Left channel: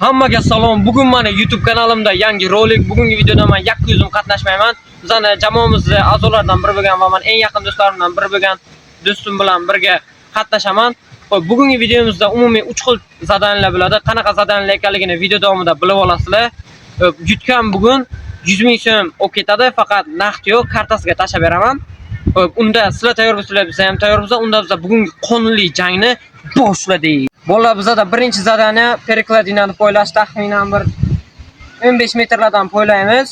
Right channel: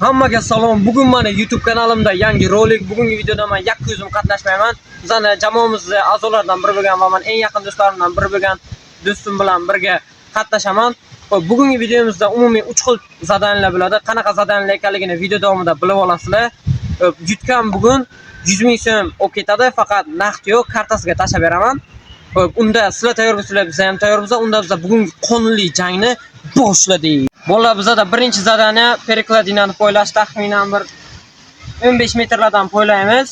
Hammaga salom. Bugun mana YouTube kanalimda yangi rolik. Bugungi videoda men 200 ming qatnashmayman. Bizning jamoamizning a'zolaridan biri bo'lgan va men eng yaqin do'stlarimdan biri bo'lgan do'stim bilan birga qatnashaman. Xo'p, bugungi videomizda umumiy 3 xil zadaniyalar bo'ladi. Qanaqa zadaniyalar ekanligini video davomida bilib olasizlar. Yutgan bugun 100 ming so'm olib ketadi, faqat naqd yo'q, kartasiga tashab beraman. Xo'p, unda sizlar tayyor bo'lsanglar, biz ham tayyormiz. Unda biz bugungi qonunli jangni boshladik. Bolalar bizda birinchi zadaniya perikladinani poylash, taxminan bir 15 metrlardan poylaymiz.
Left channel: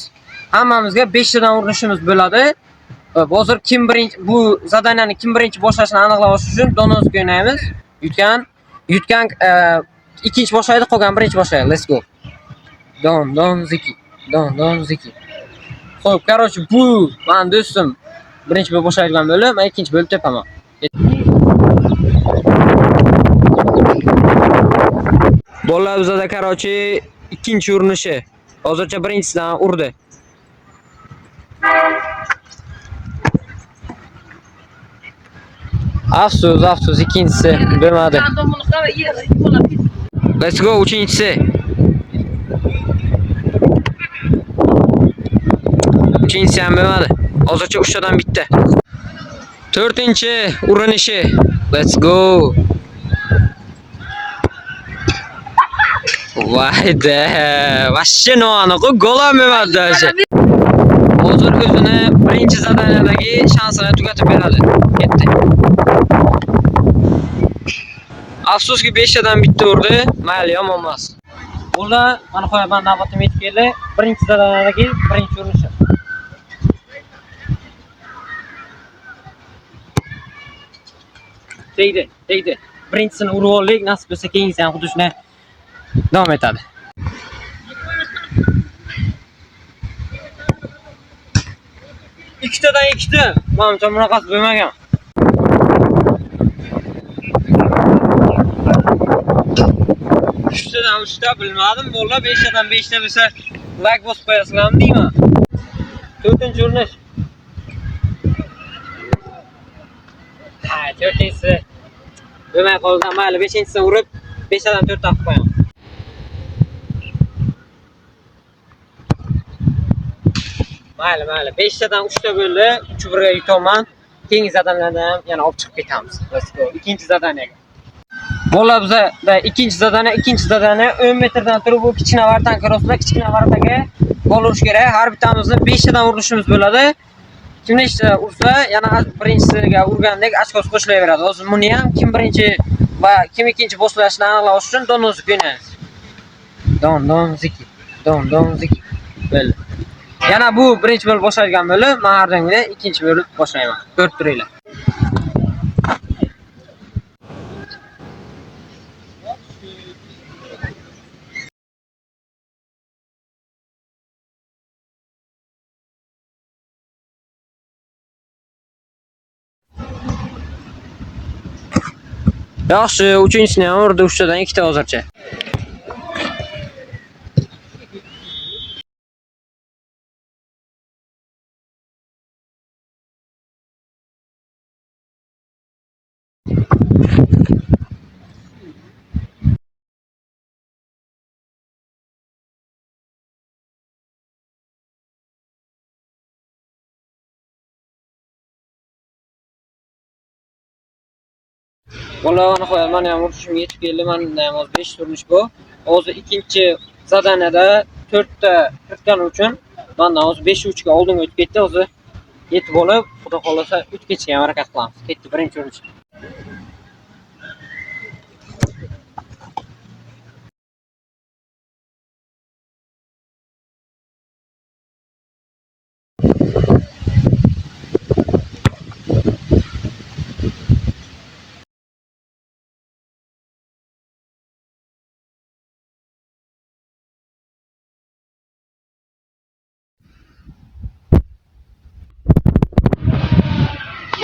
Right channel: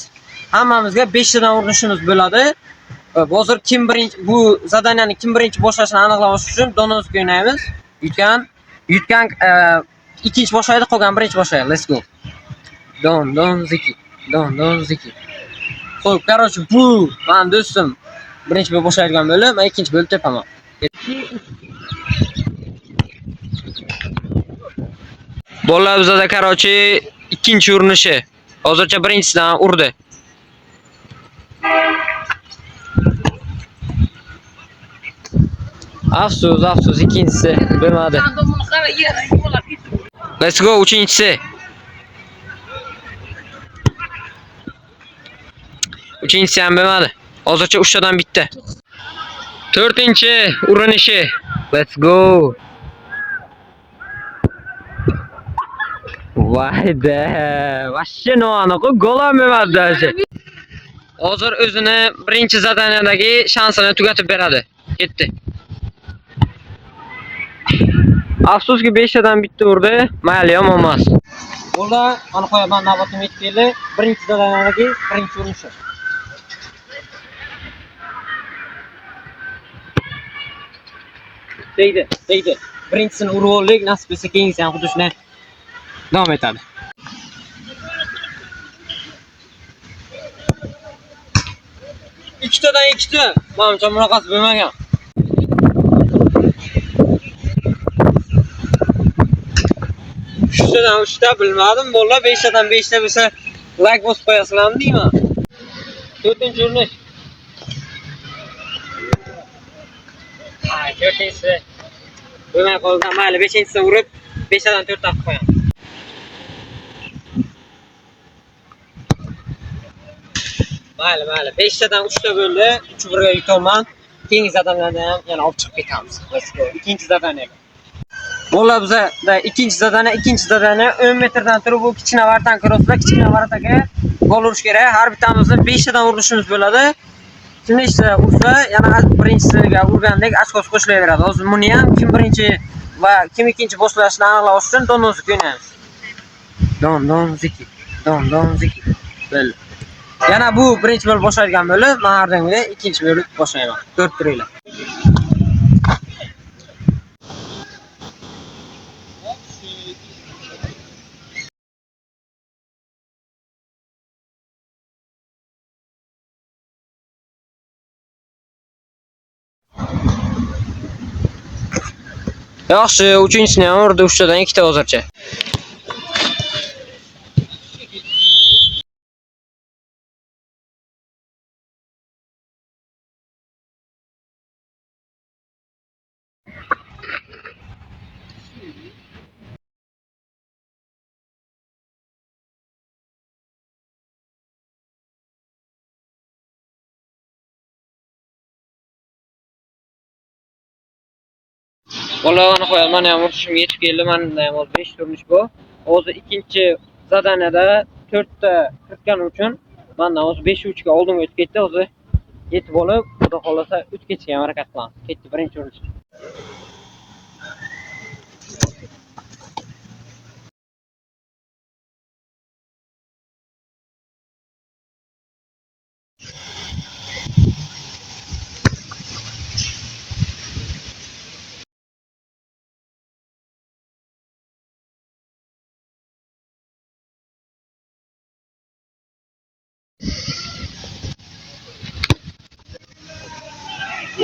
Hammamizga 5 tadan urinishimiz bo'ladi. Hozir kim birinchi bu zadaniyani kim birinchi boshlashini aniqlash uchun donoski o'ynaymiz. Yutgan ikkinchi boshlaydi, qolgan birinchi boshlaydi. Let's go. Don ziki. Xo'p, короче, bu men do'stim birinchi bo'lib boshlaydigan bo'lib, men ikkinchi bo'lib tepaman. Bolalar bizda короче ikkinchi urinishi. Hozircha birinchisidan urdi. Afsus ikkinchisi bo'lmadi. Let's go uchinchisi. Uchinchisi ham bo'lmadi. Hozircha 3 tadan bitta. To'rtinchi urinishi. Let's go. Vayda, vashcha noaniq gol ham bo'lmadi даже. Hozir o'zini birinchi zadaniyadagi shansini tugatib beradi. Ketdi. Afsuski 5 tadan bitta urdi, mayli yomon emas. Bunda mana qo'yaman navbatim yetib keldi. Birinchi zadaniyadagi birinchi urinishi. Tegdi. Birinchisini urib oldik, nasib bo'lsa keyingisi ham xuddi shunday davom etadi. Ikkitadan ikkita. Menimcha bunaqasi bo'lmagan. Uchtadan uchta bilmadim. Bolalar 5 tadan 5 ta bo'lsa like bosib qo'yasizlarmi deyman. 4-chi urinish. Ha, 4-chi. Bo'lmay qolgan. Mayli, 5-chisini urib 5 tadan 4 ta qilib qo'yaman. Mayli. 5 tadan 3 ta bo'ldi. 3 birga yutaman. Keyingi zadanlardan ham yana olib chiqib ketamiz. Let's go. Ikkinchi zadaniyaga. Bolalar bizda ikkinchi zadaniya 10 metrdan turib bu kichkina vartan kiroslar, kichkina vartaga gol urish kerak. Har bittamizni 5 tadan urinishimiz bo'ladi. Kim nechta ursa, yana birinchisiga urgandek ochkosi qo'shilaveradi. Hozir buni ham kim birinchi va kim ikkinchi boshlashini aniqlash uchun donozik o'ynaymiz. Don ziki. Bo'ldi. Yana bu birinchi bo'lib boshlaydigan bo'lib, men har doimgidek ikkinchi bo'lib boshlayman. 4 turinglar. Yaxshi, 3-chisini ham urdi, 3 tadan 2 ta hozircha. Bolalarni qo'yaman, mana ham urishim yetib keldi. Menda ham hozir 5 urinish bu. Hozir ikkinchi zadaniyada 4 ta kiritgani uchun mendan hozir 5-3 ga oldinga o'tib ketdi. Hozir yetib olib, xudo xolasa 3 kechga harakat qilamiz. Ketdi birinchi urinish.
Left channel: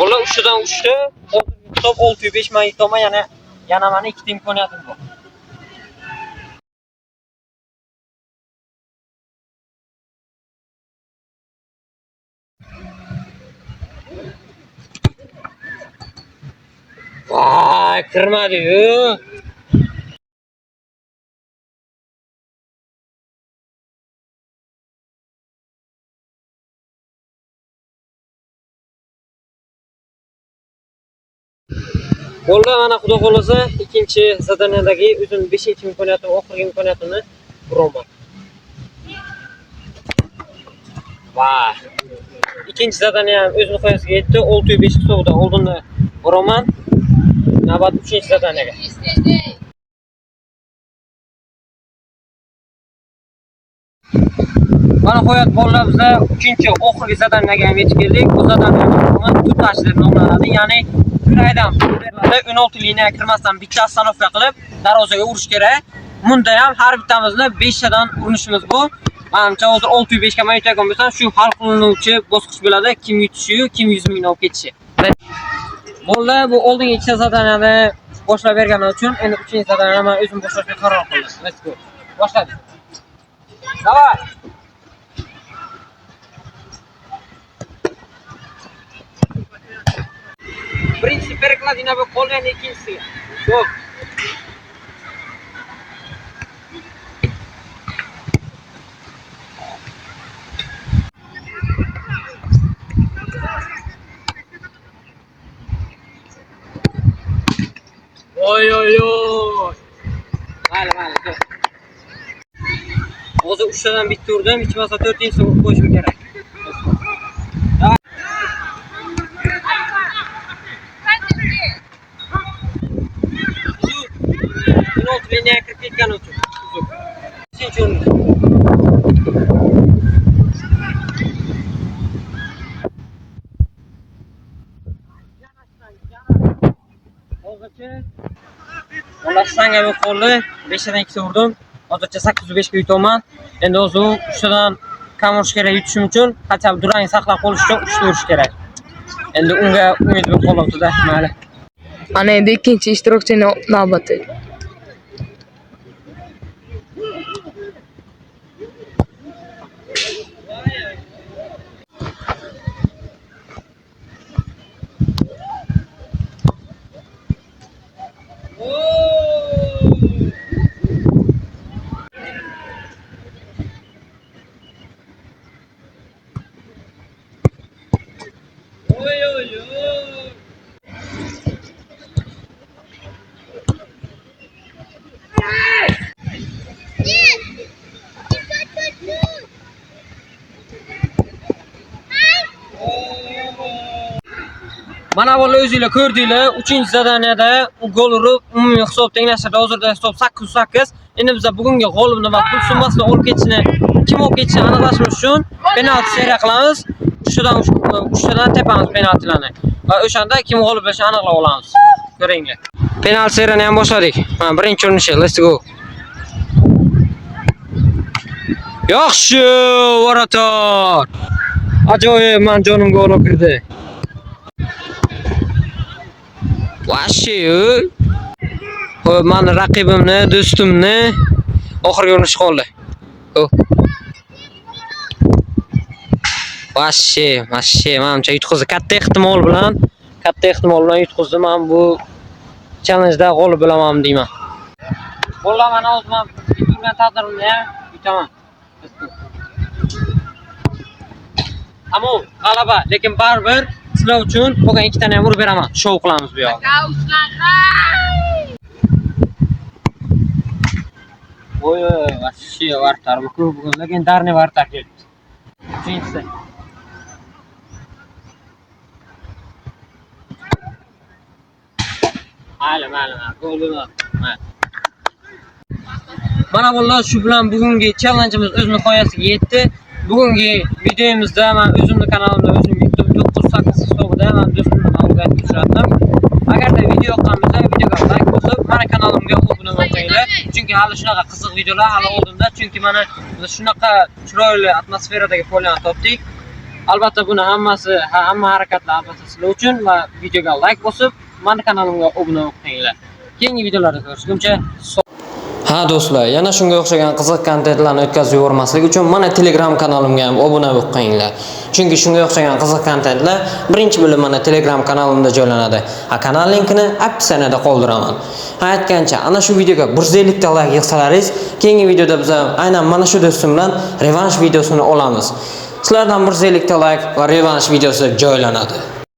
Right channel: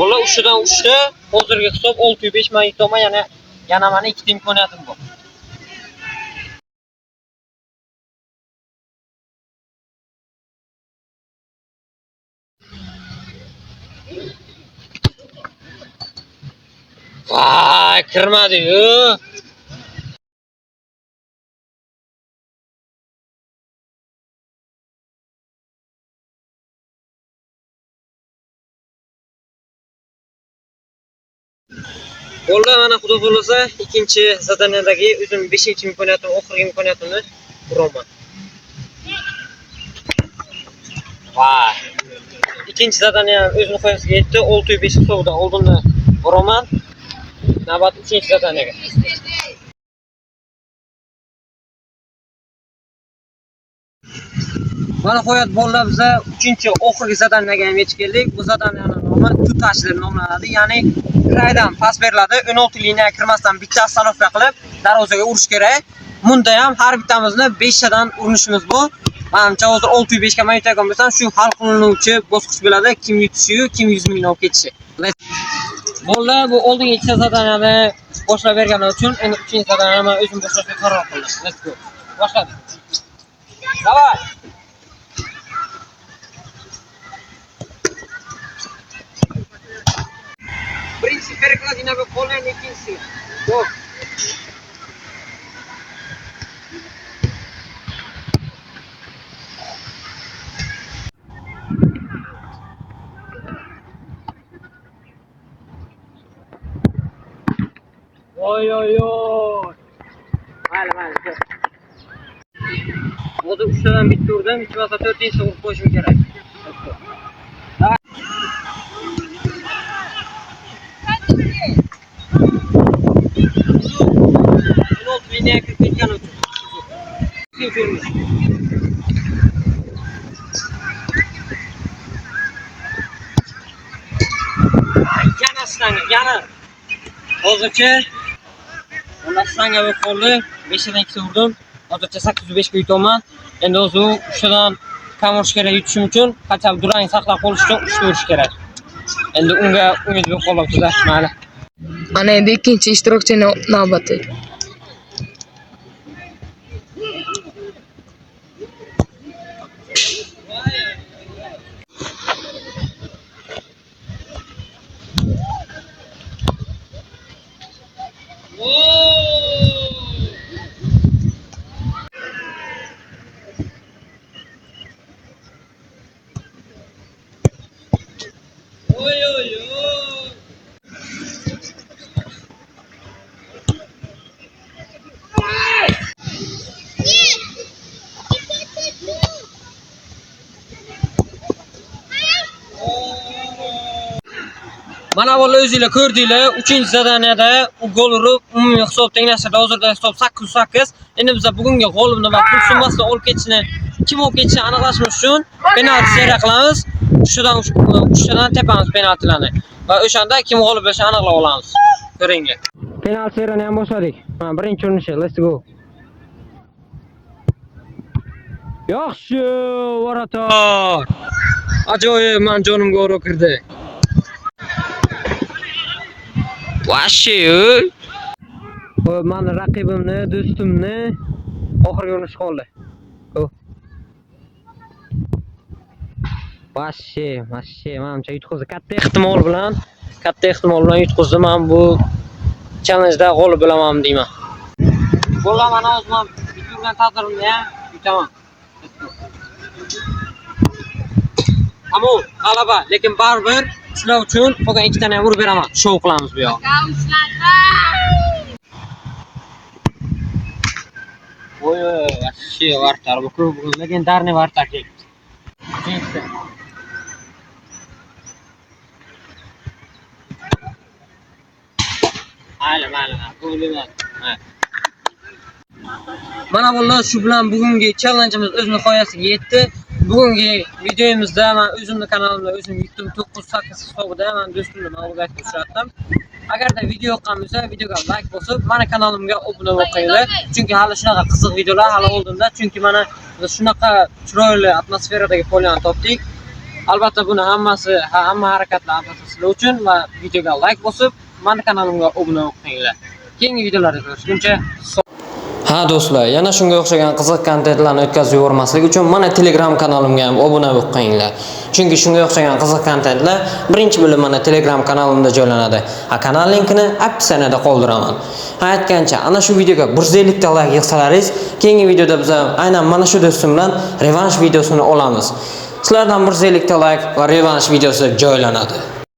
Bola 3dan 3ta, hozirgi hisob 605 men yutaman, yana mana 2 ta imkoniyatim bor. Vay, kirmadi-yu. Bo'ldi, mana xudo xolasa ikkinchi zadaniyadagi o'zim 5-imkoniyatim, oxirgi imkoniyatimni uraman. Vay. İkinci zadaniya ham o'z nihoyasiga yetdi. 605 hisobida oldinni uraman. Navbat 3-chi zadaniyaga. Mana qo'yat bolalar biza 3-chi oxirgi zadaniyaga ham yetib keldik. Bu zadaniyani nomi tutash deb nomlanadi. Ya'ni kraydan pas beriladi. 16 liniyaga kirmasdan bitta ostanovka qilib darvozaga urish kerak. Bunda ham har bittamizni 5 tadan urinishimiz bu. Menimcha hozir 605 ga men yutgan bo'lsam, shu hal qilinuvchi bosqich bo'ladi. Kim yutishi, kim 100 mingni olib ketishi. Bo'ldi, bu oldingi ikkita zadaniyani boshlab bergani uchun endi 3-chi zadaniyani men o'zim boshlashga qaror qildim. Let's go. Boshladik. Давай. Birinchi перекладина bo'lib qolgan, ikkinchisi. Yo'q. Oy oy oy. Mayli. Hozir 3 tadan bitta urdim, hech bo'lmasa 4-inchisi urib qo'yishim kerak. Liniyaga kirib ketgani uchun. Ikkinchi urinish. Yana stanga, yana. Hozircha ular stanga bo'lib qoldi. 5 tadan 2 urdim. Hozircha 805 ga yutaman. Endi o'zi 3 tadan kam urish kerak yutishim uchun, qachon durang saqlab qolish uchun 3 ta urish kerak. Endi unga umid bo'lib qolyapti-da, mayli. Ana endi ikkinchi ishtirokchini navbati. Mana bola o'zingizlar ko'rdinglar, 3-zadaniyada gol urib, umumiy hisob tenglashtirdi. Hozirda hisob 8-8. Endi biz bugungi g'olibni va pul summasini olib ketishini, kim olib ketishini aniqlashimiz uchun penalti seriya qilamiz. 3 tadan tepamiz penaltilarni. Va o'shanda kim g'olib bo'lishini aniqlab olamiz. Ko'ringlar. Penalti seriyani ham boshladik. Mana birinchi urinish, let's go. Yaxshi, varator. Ajoyib, men jonimga gol kirdi. Vashi, ho'p, meni raqibimni, do'stimni oxirgi urinish qoldi. Vashi, menimcha yutqizdi. Katta ehtimol bilan yutqizdi. Men bu challenge-da g'olib bo'laman deyman. Bo'ldi, mana hozir men bitirgan taqdirimda ham yutaman. Ammo g'alaba, lekin baribir sizlar uchun qolgan 2 tani ham urib beraman. Shou qilamiz bu yoqda. Oy, vashi vartar bu bugun legendarniy vartar keldi. Ikkinchisi. Mayli, gol bo'lmadi. Mana bolalar, shu bilan bugungi challengeimiz o'z nihoyasiga yetdi. Bugungi videomizda men o'zimning kanalimda o'zim yutdim 9-8 hisobida men do'stimni mag'lubiyatga uchratdim. Agarda video yoqqan bo'lsa, videoga like bosib, mana kanalimga obuna bo'linglar. Chunki hali shunaqa qiziq videolar hali oldinda. Chunki mana biz shunaqa chiroyli atmosferadagi poliyani topdik. Albatta buni hamma harakatlar albatta sizlar uchun va videoga like bosib, mana kanalimga obuna bo'linglar. Keyingi videolarda ko'rishguncha Ha do'stlar, yana shunga o'xshagan qiziq kontentlarni o'tkazib yubormaslik uchun mana Telegram kanalimga ham obuna bo'lib qo'yinglar. Chunki shunga o'xshagan qiziq kontentlar birinchi bo'lib mana Telegram kanalimda joylanadi. Kanal linkini opsiyada qoldiraman. Aytgancha, ana shu videoga 150 ta like yig'salaringiz, keyingi videoda biz aynan mana shu do'stim bilan revansh videosini olamiz. Sizlardan 150 ta like va revansh videosi joylanadi.